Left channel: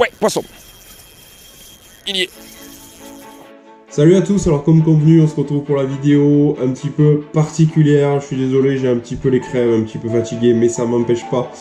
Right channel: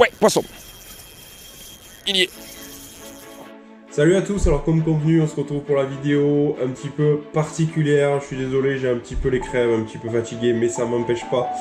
Ouais, poisson. Il y est. Salut à tous, alors comme convenu, on se retrouve pour la vidéo un petit peu particulière. Je suis désolé, j'ai un petit peu les crèves, un petit peu fatigué, mais ça m'empêche pas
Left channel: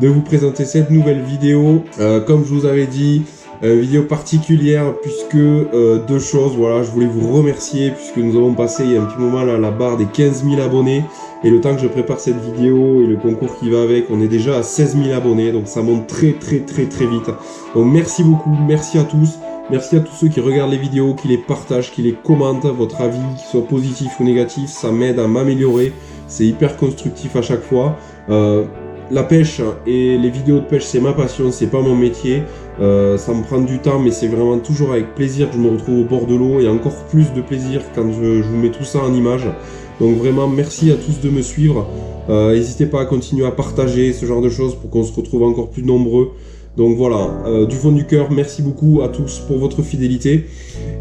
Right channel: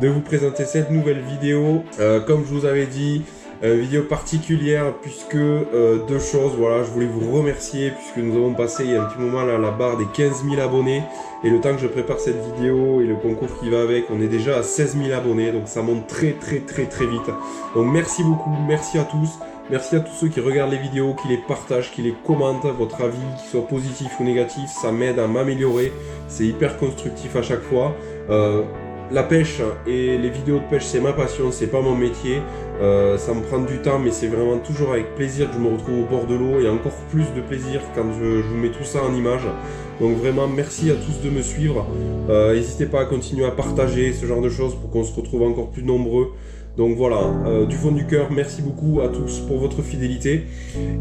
de vous présenter cette nouvelle vidéo. Comme je vous avais dit, une vidéo particulière puisque deux choses, voilà, je voulais vous remercier puisque nous avons passé il y a un petit moment là, la barre des 15 000 abonnés. Et le temps que je prépare cette vidéo et le concours qui va avec, on est déjà à 16 000 abonnés, donc ça monte très vite. Donc merci beaucoup, merci à tous. Merci à tous ceux qui regardent les vidéos, qui les partagent, qui les commentent. Votre avis, qu'il soit positif ou négatif, ça m'aide à m'améliorer. C'est hyper constructif à chaque fois. La pêche et les vidéos de pêche, c'est ma passion, c'est pas mon métier. Ça me prend du temps, mais c'est vraiment toujours avec plaisir que je me retrouve au bord de l'eau et encore plus de plaisir quand je vous mets tout ça en image. Donc vraiment, merci à tous de me suivre. N'hésitez pas à continuer à partager ce genre de choses pour qu'on se retrouve encore plus nombreux. Donc voilà, du fond du cœur, merci beaucoup à tous pour votre fidélité.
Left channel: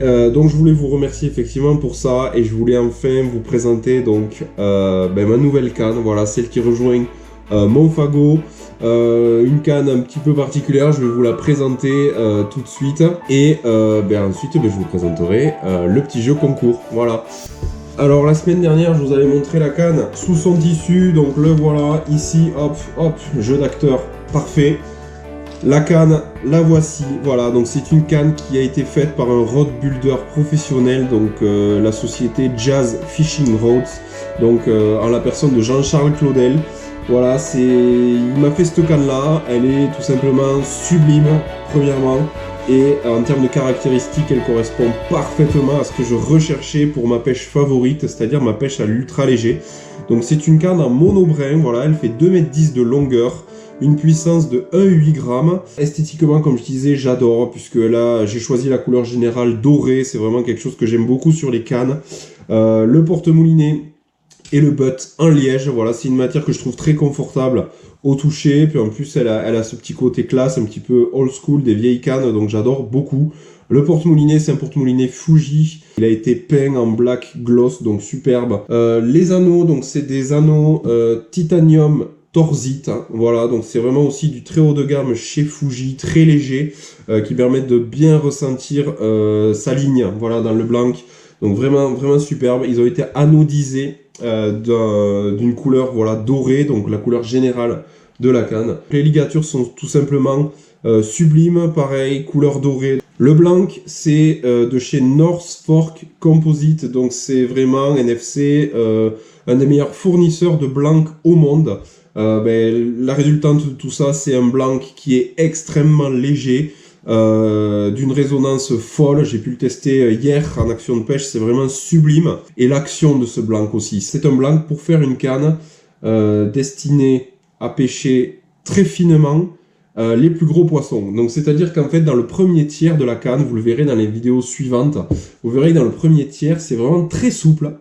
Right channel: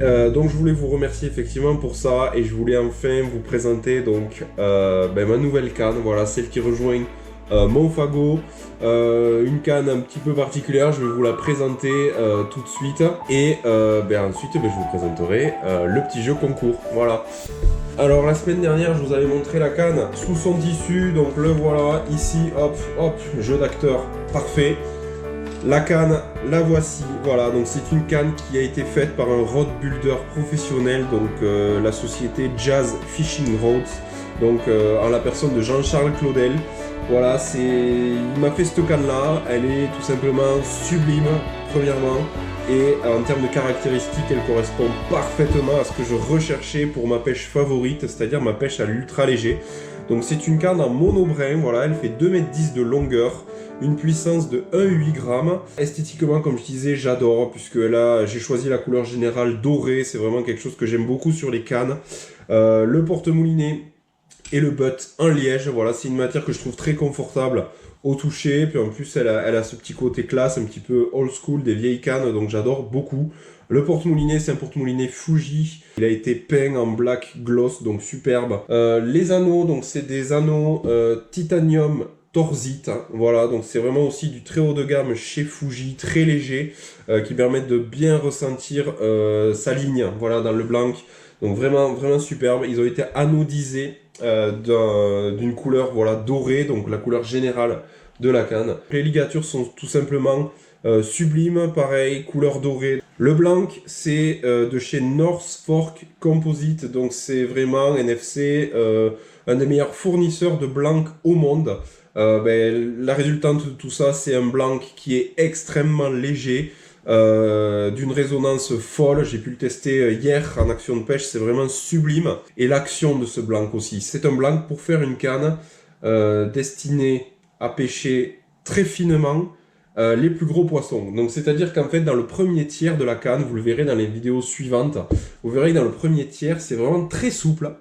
Donc je voulais vous remercier effectivement pour ça et je voulais enfin vous présenter donc ma nouvelle canne, voilà, celle qui rejoint mon fagot, une canne un petit peu particulière, je vais vous la présenter tout de suite et ensuite je vous présenterai le petit jeu concours, voilà. Alors la semaine dernière je vous avais montré la canne sous son tissu, donc le voilà ici, hop, jeu d'acteur parfait. La canne, la voici, voilà, donc c'est une canne qui a été faite par un rod builder professionnel, donc la société Jazz Fishing Rods, donc en la personne de Jean-Charles Claudel. Voilà, il m'a fait cette canne là, elle est tout simplement sublime, premièrement, et en termes de caractéristiques, elle correspond parfaitement à ce que je recherchais pour ma pêche favorite, c'est-à-dire ma pêche à l'ultra léger. Donc c'est une canne en monobrin, voilà, elle fait 2,10 m de longueur, une puissance de 1,8 g. Esthétiquement, comme je disais, j'adore, puisque là, j'ai choisi la couleur générale dorée, c'est vraiment quelque chose que j'aime beaucoup sur les cannes. Le porte-moulinet et le butt en liège, voilà, c'est une matière que je trouve très confortable au toucher, puis en plus, elle a ce petit côté classe, un petit peu old school des vieilles cannes, donc j'adore beaucoup. Le porte-moulinet, c'est un porte-moulinet Fuji. Il a été peint en black gloss, donc superbe. Les anneaux, donc c'est des anneaux titanium torsite, hein, voilà, donc c'est vraiment aussi du très haut de gamme chez Fuji, très léger, qui permettent de bien ressentir sa ligne, voilà, dans le blanc. Donc vraiment superbe. Ils ont été anodisés d'une couleur, voilà, dorée, donc la couleur générale de la canne. Les ligatures sont tout simplement sublimes, pareil, couleur dorée. Le blanc, c'est de chez North Fork Composite, donc c'est vraiment NFC, un des meilleurs fournisseurs de blanc au monde. La résultante de tout ça, c'est un blanc qui est extrêmement léger, d'une résonance folle. J'ai pu le tester hier en action de pêche, c'est vraiment sublime. Et l'action de ce blanc aussi, c'est un blanc pour faire une canne destinée à pêcher très finement les plus gros poissons. Donc c'est-à-dire qu'en fait dans le premier tiers de la canne, vous le verrez dans les vidéos suivantes, vous verrez que dans le premier tiers c'est vraiment très souple,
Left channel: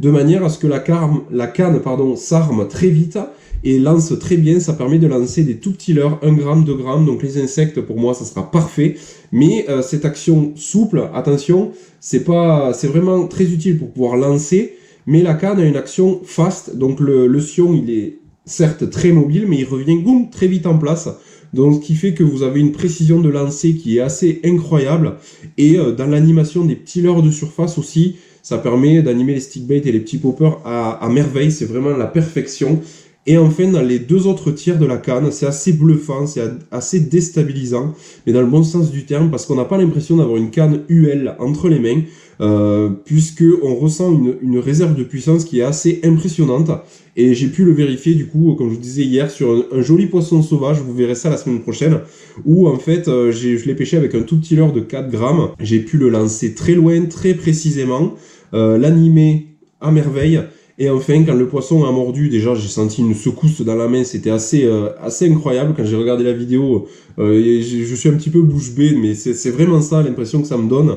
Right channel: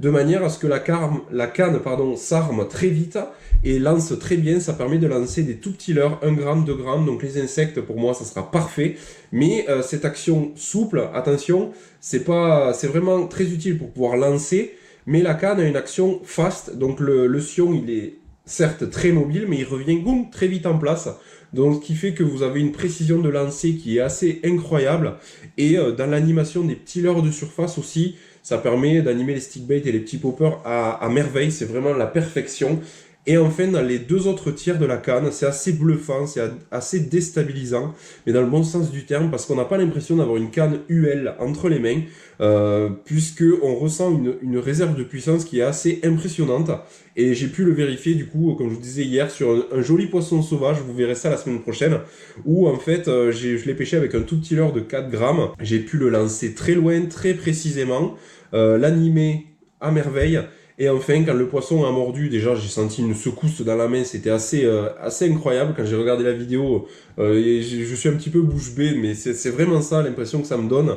de manière à ce que la canne s'arme très vite et lance très bien. Ça permet de lancer des tout petits leurres, 1 g, 2 g, donc les insectes pour moi ça sera parfait. Mais cette action souple, attention, c'est vraiment très utile pour pouvoir lancer, mais la canne a une action fast, donc le sion il est certes très mobile, mais il revient boum, très vite en place. Donc, ce qui fait que vous avez une précision de lancer qui est assez incroyable. Et dans l'animation des petits leurres de surface aussi, ça permet d'animer les stickbaits et les petits poppers à merveille. C'est vraiment la perfection. Et enfin, dans les deux autres tiers de la canne, c'est assez bluffant, c'est assez déstabilisant, mais dans le bon sens du terme, parce qu'on n'a pas l'impression d'avoir une canne UL entre les mains, puisqu'on ressent une réserve de puissance qui est assez impressionnante. Et j'ai pu le vérifier du coup, comme je vous disais hier, sur un joli poisson sauvage, vous verrez ça la semaine prochaine, où en fait je l'ai pêché avec un tout petit leurre de 4 grammes. J'ai pu le lancer très loin, très précisément, l'animer à merveille. Et enfin, quand le poisson a mordu, déjà j'ai senti une secousse dans la main, c'était assez incroyable. Quand j'ai regardé la vidéo, je suis un petit peu bouche bée, mais c'est vraiment ça l'impression que ça me donne.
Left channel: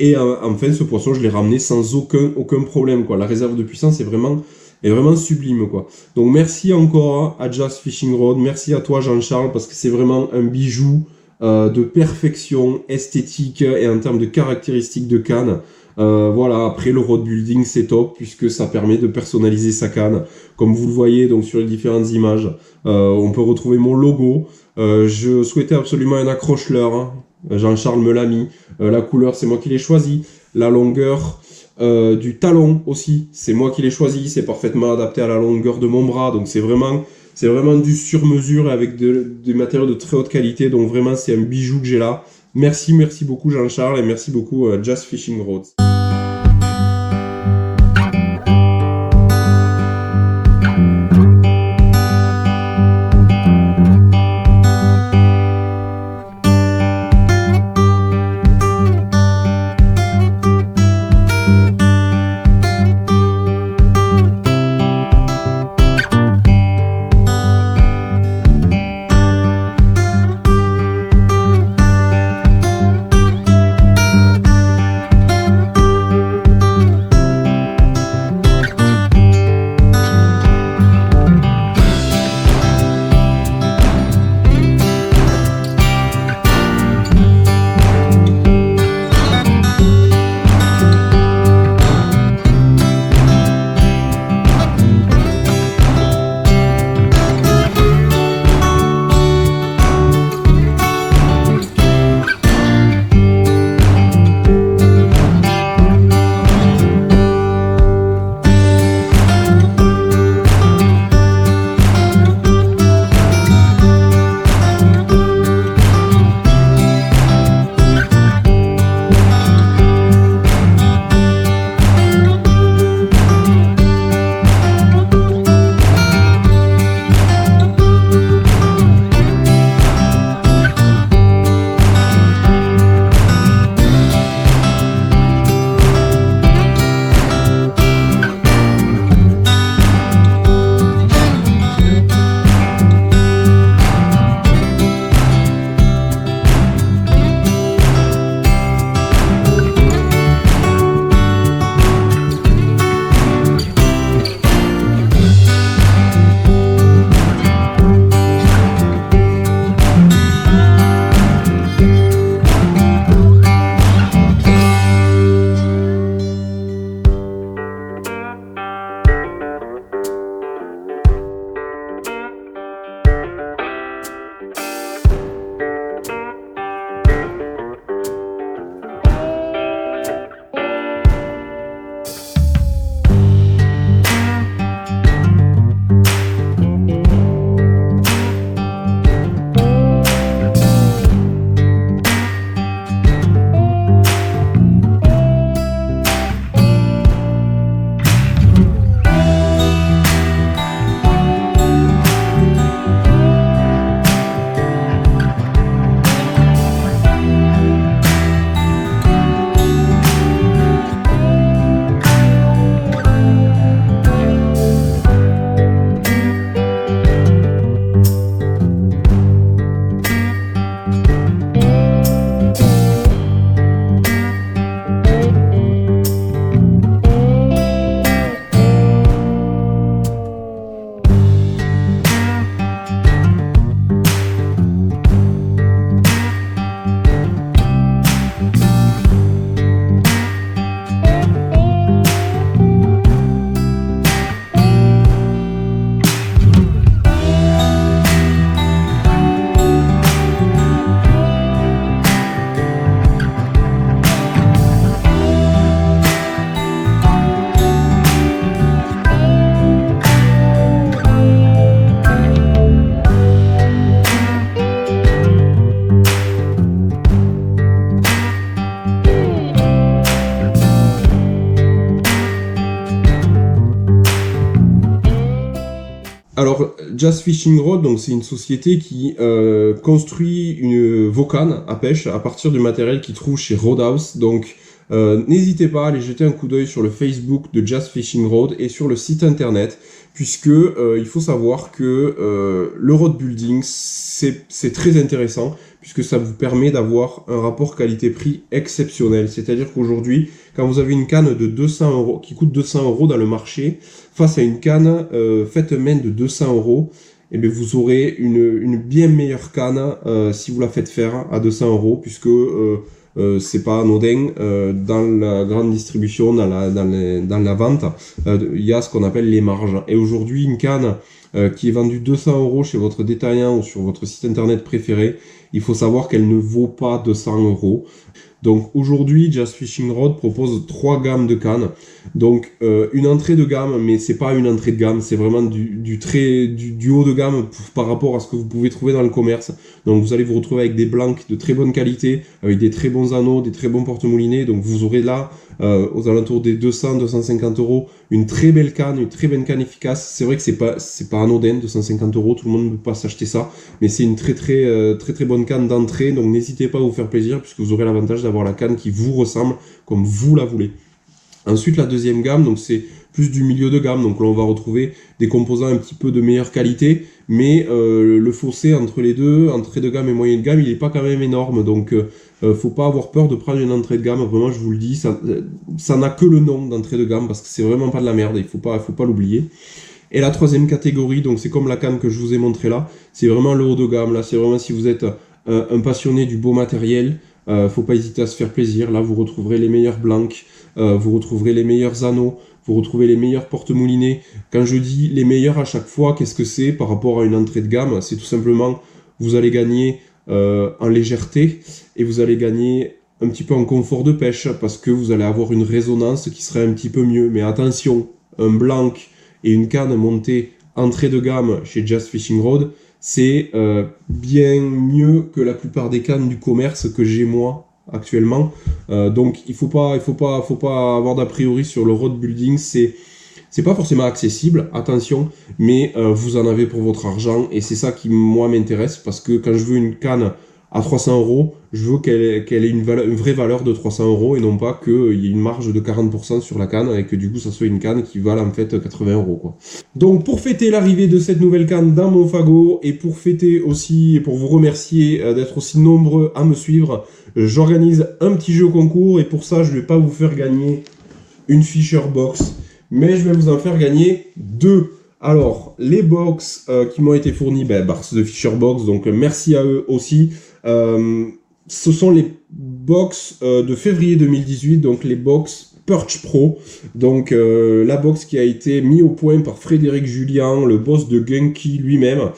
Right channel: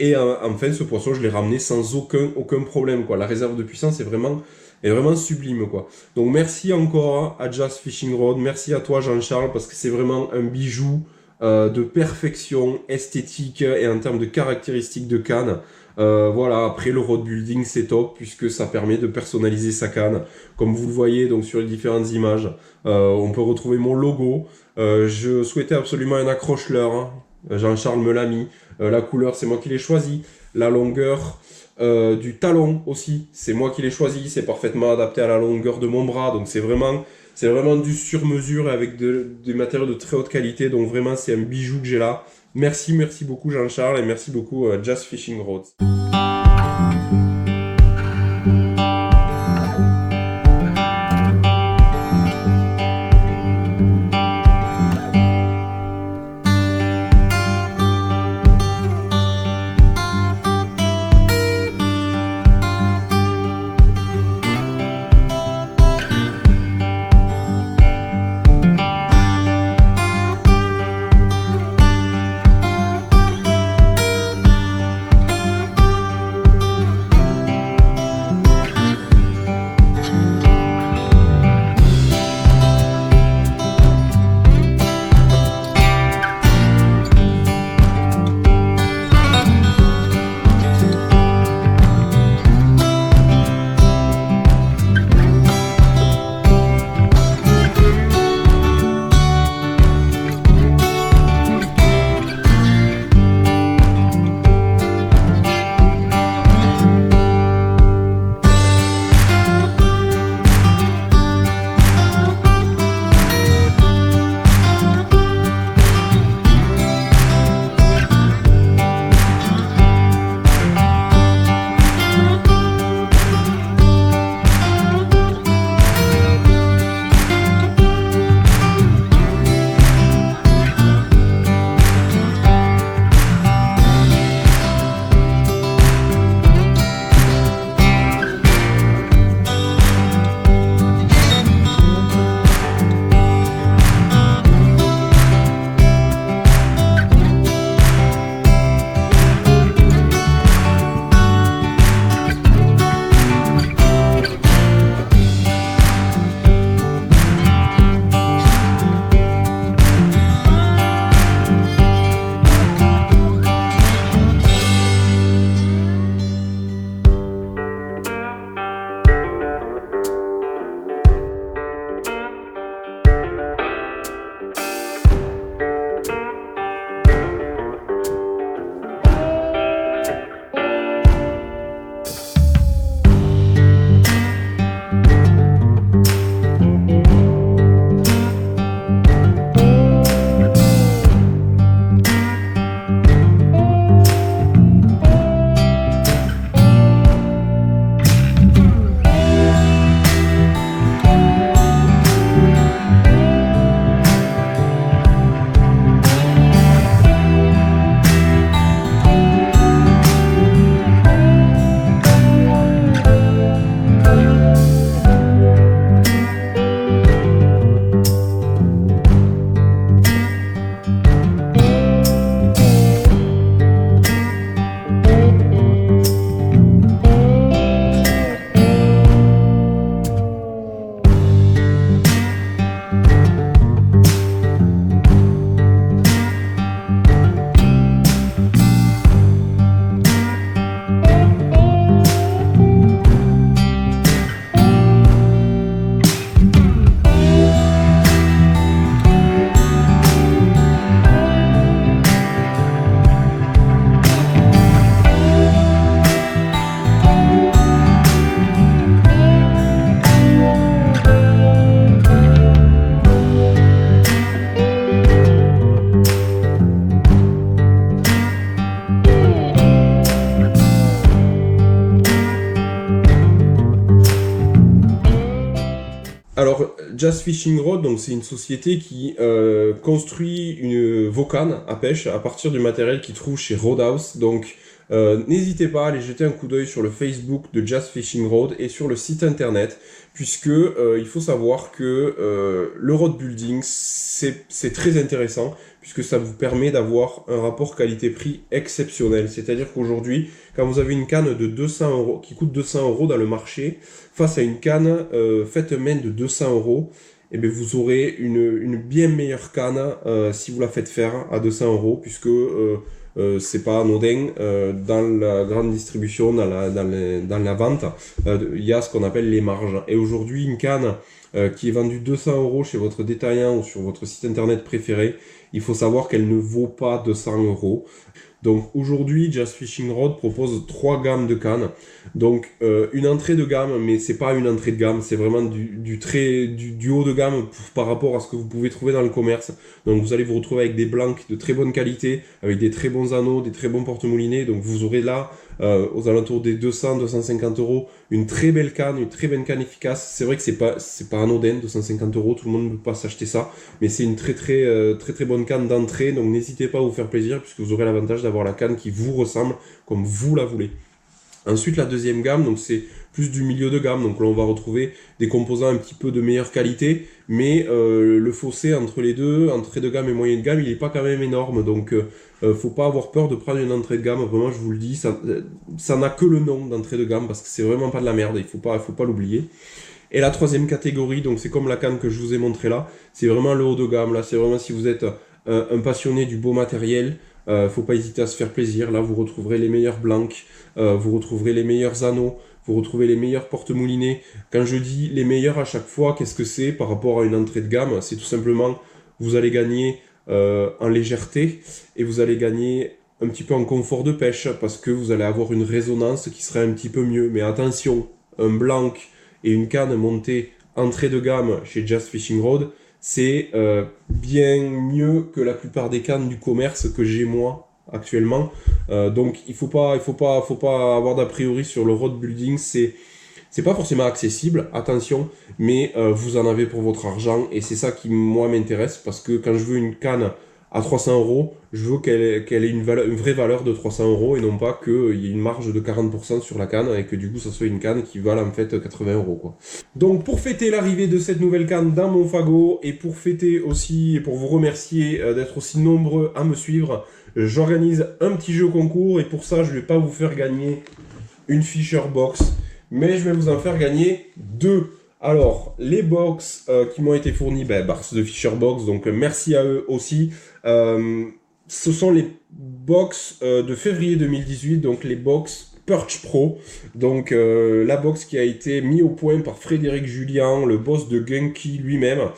Et enfin, ce poisson, je l'ai ramené sans aucun problème, quoi. La réserve de puissance est vraiment sublime, quoi. Donc merci encore à Jazz Fishing Rod, merci à toi Jean-Charles, parce que c'est vraiment un bijou de perfection esthétique et en termes de caractéristiques de canne. Voilà, après le road building c'est top puisque ça permet de personnaliser sa canne. Comme vous le voyez donc sur les différentes images, on peut retrouver mon logo. Je souhaitais absolument un accroche-leurre, hein. Jean-Charles me l'a mis. La couleur c'est moi qui l'ai choisi. La longueur du talon aussi, c'est moi qui l'ai choisi. C'est parfaitement adapté à la longueur de mon bras. Donc c'est vraiment du sur-mesure avec des matériaux de très haute qualité. Donc vraiment c'est un bijou que j'ai là. Merci beaucoup Jean-Charles et merci beaucoup Just Fishing Rods. Alors, Just Fishing Rod, donc c'est une société qui construit vos cannes à pêche à partir du matériel qu'ils trouvent chez Roadhouse. Donc, n'hésitez pas à aller jeter un coup d'œil sur le Facebook de Just Fishing Rod et sur le site internet, puisque il faut savoir que le road building, c'est très intéressant, puisque ça vous permet d'avoir un rapport qualité-prix exceptionnel. C'est-à-dire qu'aujourd'hui, quand vous avez une canne de 200 €, qui coûte 200 € dans le marché, face à une canne faite main de 200 €, et bien vous aurez une bien meilleure canne si vous la faites faire à 200 €, puisque c'est pas anodin. Dans la grande distribution, dans la vente, il y a ce qu'on appelle les marges. Et aujourd'hui, une canne qui est vendue 200 € chez votre détaillant ou sur votre site internet préféré, il faut savoir qu'elle ne vaut pas 200 €. Donc aujourd'hui, Just Fishing Rod propose 3 gammes de cannes. Donc une entrée de gamme, mais c'est pas une entrée de gamme, c'est vraiment du haut de gamme par rapport à ce que vous pouvez trouver dans le commerce. Donc vous allez vous retrouver avec des blancs de très bonne qualité, avec des très bons anneaux, des très bons porte-moulinets. Donc vous aurez là, aux alentours des 200-250 €, une très belle canne efficace. C'est vrai que c'est pas anodin, 250 €, tout le monde ne peut pas s'acheter ça, mais c'est une très bonne canne d'entrée. Donc n'hésitez pas à vous faire plaisir, puisque vous aurez l'avantage d'avoir la canne qui vous ressemble comme vous la voulez. Ensuite, la deuxième gamme, donc c'est plus du milieu de gamme. Donc là, on va retrouver des composants un petit peu de meilleure qualité, mais le fossé entre les deux, entrée de gamme et moyenne de gamme, il n'est pas quand même énorme. Donc, faut pas avoir peur de prendre une entrée de gamme. Vraiment, je vous le dis, ça n'a que le nom d'entrée de gamme, parce que c'est vraiment pas de la merde. Il faut pas l'oublier. Et la troisième catégorie, donc c'est comme la canne que je vous ai montré là, c'est vraiment le haut de gamme. Là, c'est vraiment si vous êtes un passionné du beau matériel. Faut pas hésiter à se faire plaisir. Là, vous retrouverez les meilleurs blancs, vous retrouverez les meilleurs anneaux, vous retrouvez les meilleurs porte-moulinets. Quand je dis les meilleurs à chaque fois, qu'est-ce que c'est par rapport à une entrée de gamme? C'est tout simplement, vous allez gagner en légèreté et vous allez gagner un petit peu en confort de pêche, parce que vous allez avoir une résonance qui serait un petit peu mieux. Mais attention, un blanc et une canne montée entrée de gamme chez Just Fishing Rod, c'est bien mieux que la plupart des cannes du commerce que j'ai moi actuellement. Donc il faut pas avoir d'a priori sur le rod building. C'est pas forcément accessible, attention, mais vous en avez pour votre argent, et c'est ça qui moi m'intéresse, parce que quand je veux une canne à 300 €, je veux qu'elle ait une vraie valeur de 300 € et non pas qu'il y ait une marge de 40% sur la canne et que du coup ça soit une canne qui vale en fait 80 € quoi. Donc pour fêter l'arrivée de cette nouvelle canne dans mon fagot, et pour fêter aussi et pour vous remercier d'être aussi nombreux à me suivre, j'organise un petit jeu concours, et pour ça je vais pas vous faire gagner une Fisher Box, mais je vais vous en faire gagner 2. Alors, les box qui m'ont été fournies, c'est de Fisher Box, donc merci à eux aussi. Ce sont les box de février 2018, donc les box Perch Pro. Donc la box qui a été mise au point par Frédéric Julien, le boss de Gunky lui-même,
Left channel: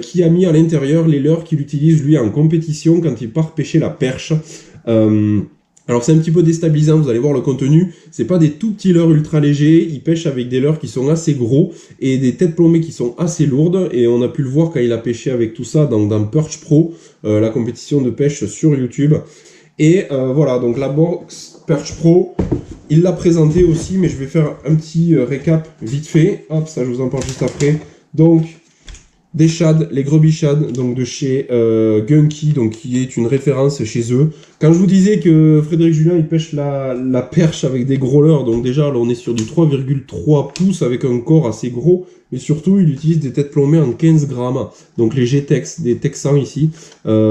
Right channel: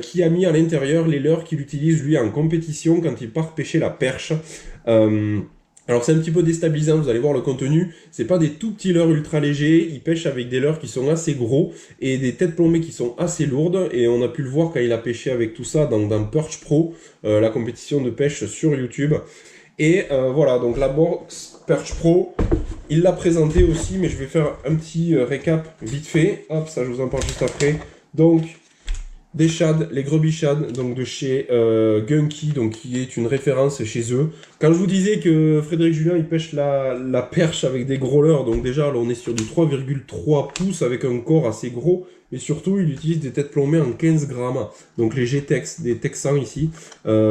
qui a mis à l'intérieur les leurres qu'il utilise lui en compétition quand il part pêcher la perche. Alors c'est un petit peu déstabilisant, vous allez voir le contenu, c'est pas des tout petits leurres ultra légers, il pêche avec des leurres qui sont assez gros et des têtes plombées qui sont assez lourdes, et on a pu le voir quand il a pêché avec tout ça dans Perch Pro, la compétition de pêche sur YouTube. Et voilà, donc la box Perch Pro, il l'a présenté aussi, mais je vais faire un petit récap vite fait, hop, ça je vous en parle juste après. Donc des shads, les Grubby Shads, donc de chez Gunky, donc qui est une référence chez eux. Quand je vous disais que Frédéric Julien il pêche la perche avec des gros leurres, donc déjà là on est sur du 3,3 pouces avec un corps assez gros, mais surtout il utilise des têtes plombées en 15 grammes, donc les G-Tex, des Texans ici,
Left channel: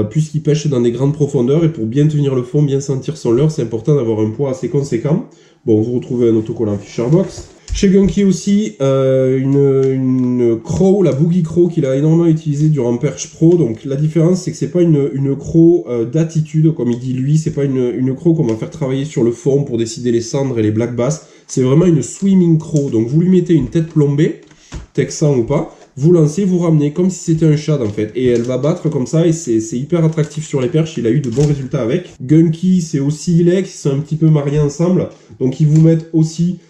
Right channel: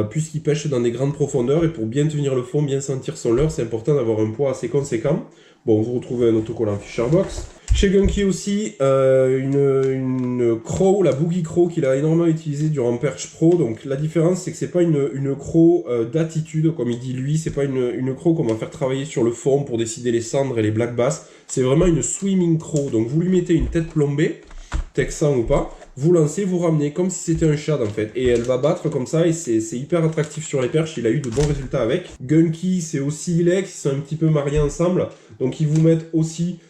puisqu'il pêche dans des grandes profondeurs, et pour bien tenir le fond, bien sentir son leurre, c'est important d'avoir un poids assez conséquent. Bon, vous retrouvez un autocollant Fisher Box. Chez Gunky aussi, une crow, la Boogie Crow, qu'il a énormément utilisé durant Perch Pro. Donc la différence, c'est que c'est pas une crow d'attitude, comme il dit lui, c'est pas une crow qu'on va faire travailler sur le fond pour décider les cendres et les black bass. C'est vraiment une swimming crow. Donc vous lui mettez une tête plombée, texan ou pas, vous lancez, vous ramenez comme si c'était un shad en fait. Et elle va battre comme ça, et c'est hyper attractif sur les perches, il a eu de bons résultats avec. Gunky, c'est aussi Ilex, ils sont un petit peu mariés ensemble. Donc ils vous mettent aussi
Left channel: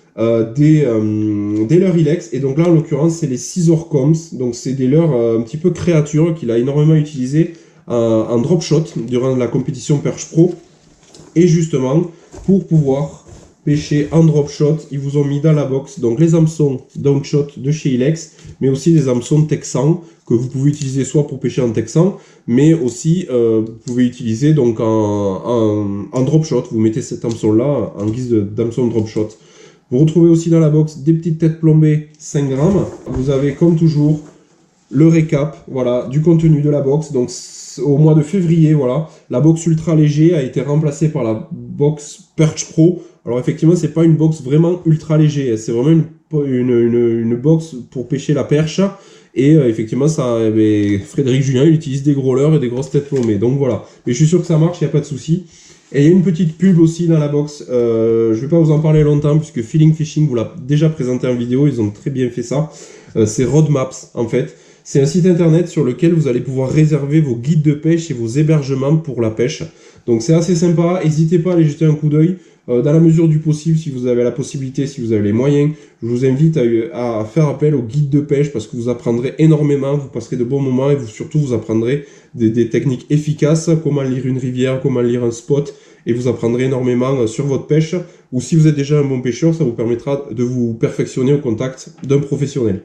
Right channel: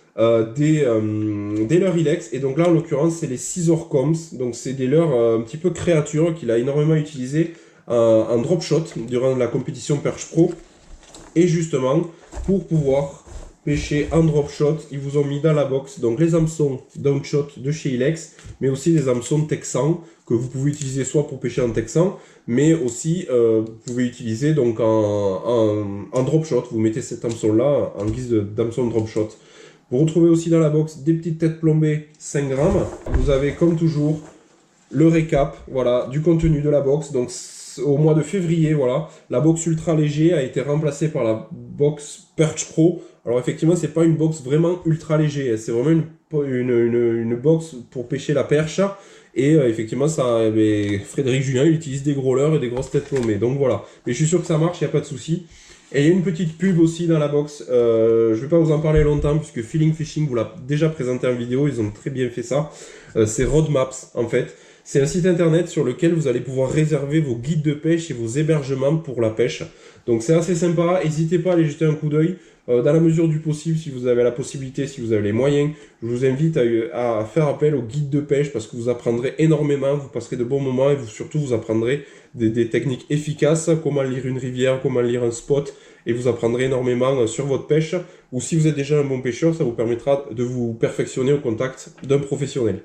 des leurres Ilex, et donc là en l'occurrence c'est les Scissor Combs, donc c'est des leurres un petit peu créatures qu'il a énormément utilisé en drop shot durant la compétition Perch Pro, et justement pour pouvoir pêcher en drop shot, ils vous ont mis dans la box donc les hameçons down shot de chez Ilex, mais aussi les hameçons Texan que vous pouvez utiliser soit pour pêcher en Texan, mais aussi vous pouvez utiliser donc en drop shot. Vous mettez cet hameçon là en guise d'hameçon drop shot. Vous retrouvez aussi dans la box des petites têtes plombées 5 grammes. Vous avez comme toujours le récap, voilà, du contenu de la box. Donc au mois de février, voilà, la box ultra léger a été remplacée par la box Perch Pro. Alors effectivement, c'est pas une box vraiment ultra léger, c'est vraiment une box pour pêcher la perche. Et effectivement, ça, Frédéric Julien, il utilise des gros leurres et des grosses têtes plombées. Donc voilà. Mais je suis sûr que ça marche, il n'y a pas de souci. Et il y a une petite pub aussi dans la box. Je vais pas vous en parler longtemps puisque Feeling Fishing vous l'a déjà présenté en vidéo. Ils ont très bien fait ça. C'est Roadmaps en fait. C'est un site internet sur lequel vous allez pouvoir réserver vos guides de pêche et vos hébergements pour la pêche. Donc c'est assez sympa. N'hésitez pas à aller jeter un coup d'œil. Dans la mesure du possible, si vous avez la possibilité, si vous avez les moyens, je vous invite à faire appel aux guides de pêche parce que vous apprendrez énormément, vous passerez de bons moments et surtout vous apprendrez des techniques efficaces, comment lire une rivière, comment lire un spot, et vous apprendrez énormément sur votre pêche. Ou si vous êtes déjà un bon pêcheur, ça vous permettra de vous perfectionner au contact d'un professionnel.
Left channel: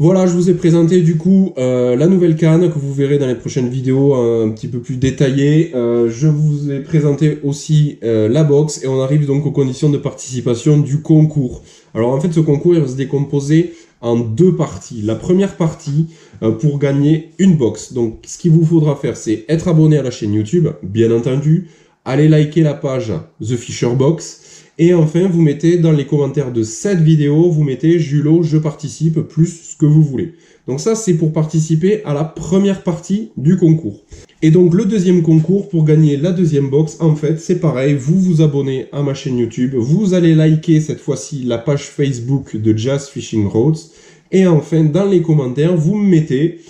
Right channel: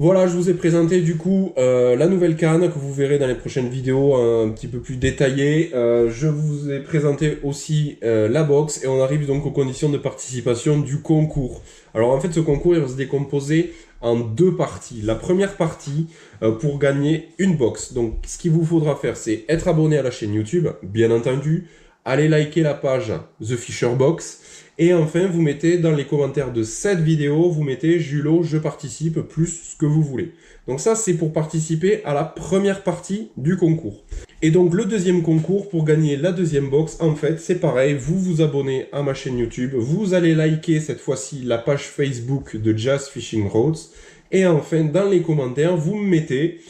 Voilà, je vous ai présenté du coup la nouvelle canne que vous verrez dans les prochaines vidéos un petit peu plus détaillées. Je vous ai présenté aussi la box et on arrive donc aux conditions de participation du concours. Alors en fait ce concours il va se décomposer en deux parties. La première partie pour gagner une box. Donc ce qu'il vous faudra faire c'est être abonné à la chaîne YouTube, bien entendu, aller liker la page The Fisher Box. Et enfin, vous mettez dans les commentaires de cette vidéo, vous mettez Julot, je participe, plus ce que vous voulez. Donc ça, c'est pour participer à la première partie du concours. Et donc le deuxième concours, pour gagner la deuxième box, en fait, c'est pareil, vous vous abonnez à ma chaîne YouTube, vous allez liker cette fois-ci la page Facebook de Jazz Fishing Roads, et enfin, dans les commentaires, vous me mettez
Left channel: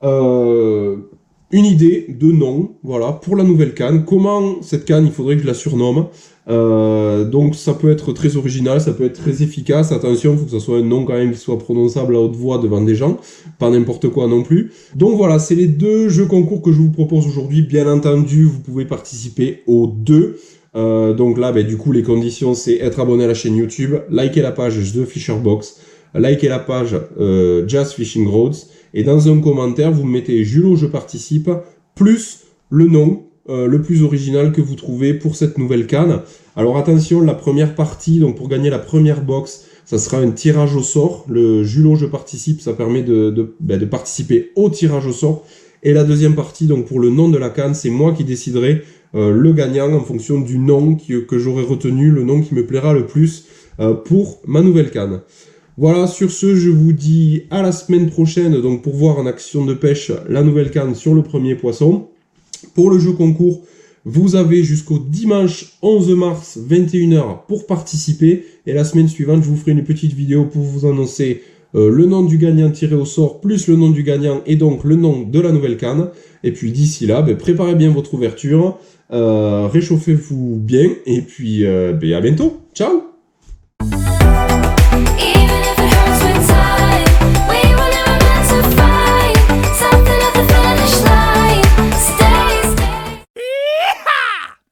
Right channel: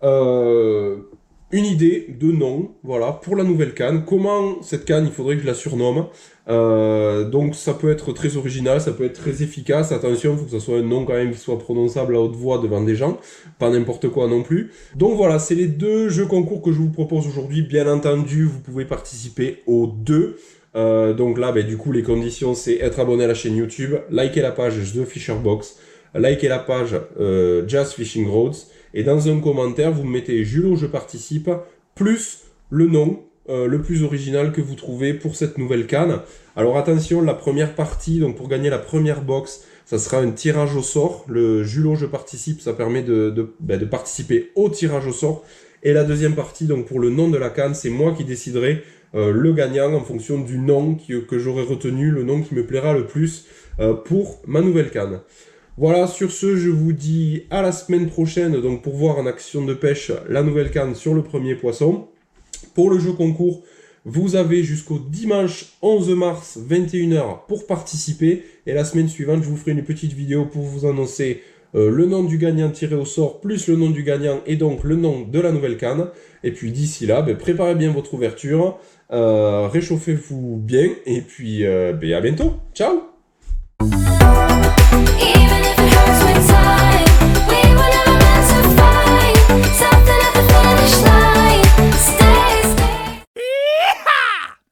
une idée de nom, voilà, pour la nouvelle canne. Comment cette canne, il faudrait que je la surnomme. Donc ça peut être très original, ça peut être très efficace. Attention, il faut que ça soit un nom quand même qui soit prononçable à haute voix devant des gens, pas n'importe quoi non plus. Donc voilà, c'est les deux jeux concours que je vous propose aujourd'hui. Bien entendu, vous pouvez participer aux deux. Donc là, du coup, les conditions, c'est être abonné à la chaîne YouTube, liker la page The Fisher Box, liker la page Jazz Fishing Roads, et dans un commentaire, vous mettez Julot, je participe, plus le nom le plus original que vous trouvez pour cette nouvelle canne. Alors attention, la première partie, donc pour gagner la première box, ça sera un tirage au sort. Le Julot, je participe, ça permet de participer au tirage au sort. Et la deuxième partie, donc pour le nom de la canne, c'est moi qui déciderai le gagnant en fonction du nom que j'aurai retenu, le nom qui me plaira le plus pour ma nouvelle canne. Voilà, sur ce, je vous dis à la semaine prochaine, donc pour voir en action de pêche la nouvelle canne sur le premier poisson. Pour le jeu concours, vous avez jusqu'au dimanche 11 mars 21h pour participer. Et la semaine suivante, je vous ferai une petite vidéo pour vous annoncer le nom du gagnant tiré au sort, plus le nom du gagnant et donc le nom de la nouvelle canne. Et puis d'ici là, préparez bien votre ouverture, réchauffez-vous bien et puis à bientôt. Ciao!